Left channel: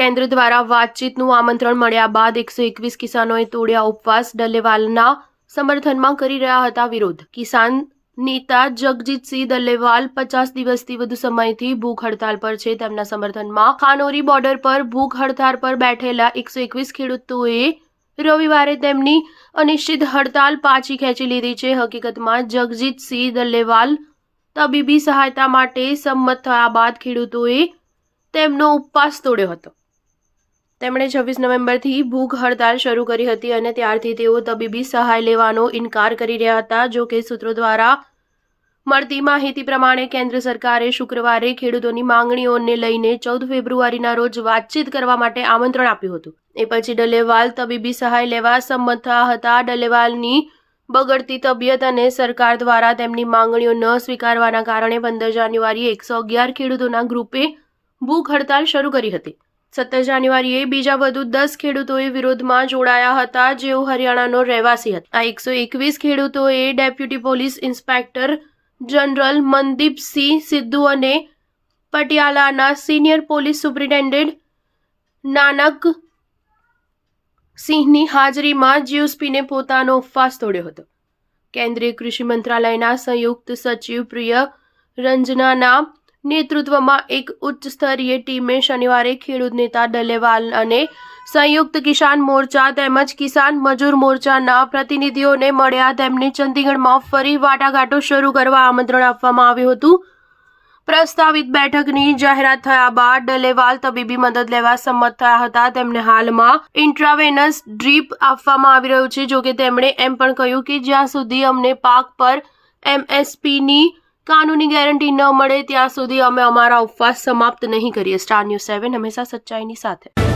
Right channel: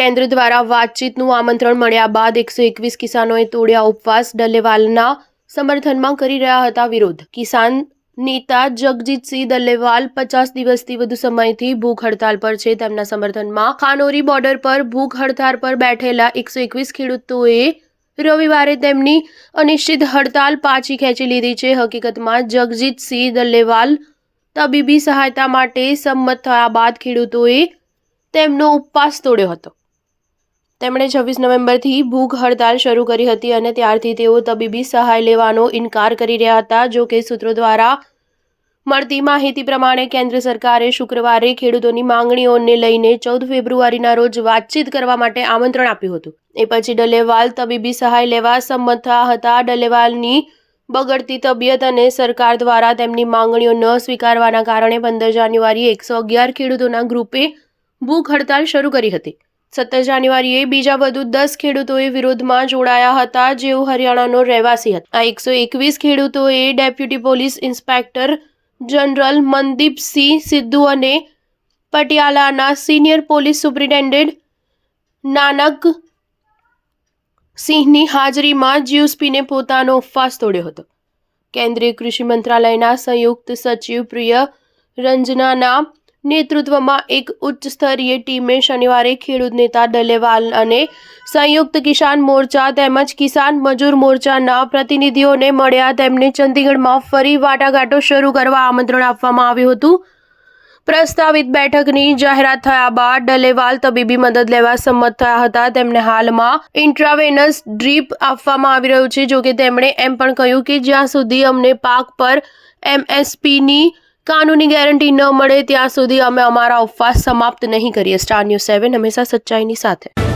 કેન્દ્ર દ્વારા વાતચીતનું આમંત્રણ મળ્યા બાદ 121 કિસાનોએ તોડ્યા ઉપવાસ. ડલ્લેવાલના સમર્થનમાં કરી રહ્યા હતા વિરોધ. કિસાન નેતા જગજીતસિંહ ડલ્લેવાલ 50 દિવસથી વધુ સમયથી ભૂખ હડતાલ પર છે. તેમના સમર્થનમાં ખાનોરી બોર્ડર પર ભૂખ હડતાલ પર બેઠેલા 121 ખેડૂતોએ રવિવારે તેમની અનિશ્ચિત હડતાલ પાછી ખેંચી લીધી છે. હકીકતમાં જગજીતસિંહ ડલ્લેવાલ તબીબી સહાયતા માટે સંમત થયા બાદ ખેડૂતોએ તેમનો ઉપવાસ તોડ્યો હતો. તેમણે 26 નવેમ્બરથી ભૂખ હડતાલ શરૂ કરી હતી અને ત્યારથી તેઓ તબીબી સહાય લેવાનો ઇનકાર કરી રહ્યા હતા. જો કે સૂત્રો દ્વારા મળતી માહિતી પ્રમાણે કેન્દ્ર સરકારે શુક્રવારે ખેડૂતોની માંગણીઓને લઈને 14 ફેબ્રુઆરીના રોજ વાતચીત કરવા માટે આમંત્રણ આપ્યું હતું. એ પછી ડલ્લેવાલ તબીબી સહાય લેવા સંમત થયા હતા. ડલ્લેવાલની બગડતી તબિયત અને સરકાર દ્વારા તેમની માંગણીઓ ન સ્વીકારવાના કારણે 15 જાન્યુઆરીએ 111 ખેડૂતોના ગ્રુપે ભૂખ હડતાલ શરૂ કરી હતી. 17 જાન્યુઆરીએ બીજા વધુ 10 ખેડૂતોએ વિરોધમાં જોડાયા હતા, જેઓ હરિયાણાનો રહેવાસી હતા. આ 121 ખેડૂતોએ deputy police inspector general Mandeepsinh Sidhu અને પટિયાલાના સિનિયર પોલીસ સુપ્રિન્ટેન્ડન્ટ નાનક સિંહની હાજરીમાં જ્યુસપીને પોતાનો ઉપવાસ તોડ્યો હતો. કેન્દ્રીય કૃષિ મંત્રાલયના સંયુક્ત સચિવ પ્રિય રંજનાના નેતૃત્વમાં એક ઉચ્ચ સ્તરીય ટીમે શનિવારે ખેડૂત નેતા ડલ્લેવાલ અને સંયુક્ત કિસાન મોરચા તેમજ કિસાન મજૂર મોરચાના પ્રતિનિધિઓને મળ્યા. તેમને ચંદીગઢમાં ફરી વાટાઘાટો શરૂ કરવા આમંત્રણ આપવામાં આવ્યું હતું. પ્રસ્તાવિત બેઠકની જાહેરાત થયા બાદ ડલ્લેવાલ તબીબી મદદ લેવા સંમત થયા હતા. તેમને હાલમાં ઇન્ટ્રાવેનસ ડ્રીપ આપવામાં આવી રહ્યું છે. જોકે તેમણે એમ પણ કહ્યું કે જ્યાં સુધી અમને પાક પર MSPની કાનૂની ગેરંટી ન મળે ત્યાં સુધી અમે અમારા ઉપવાસ સમાપ્ત નહીં કરીએ. સ્ટાર ન્યૂઝ 7 હંમેશા સચ્ચાઈની સાથે.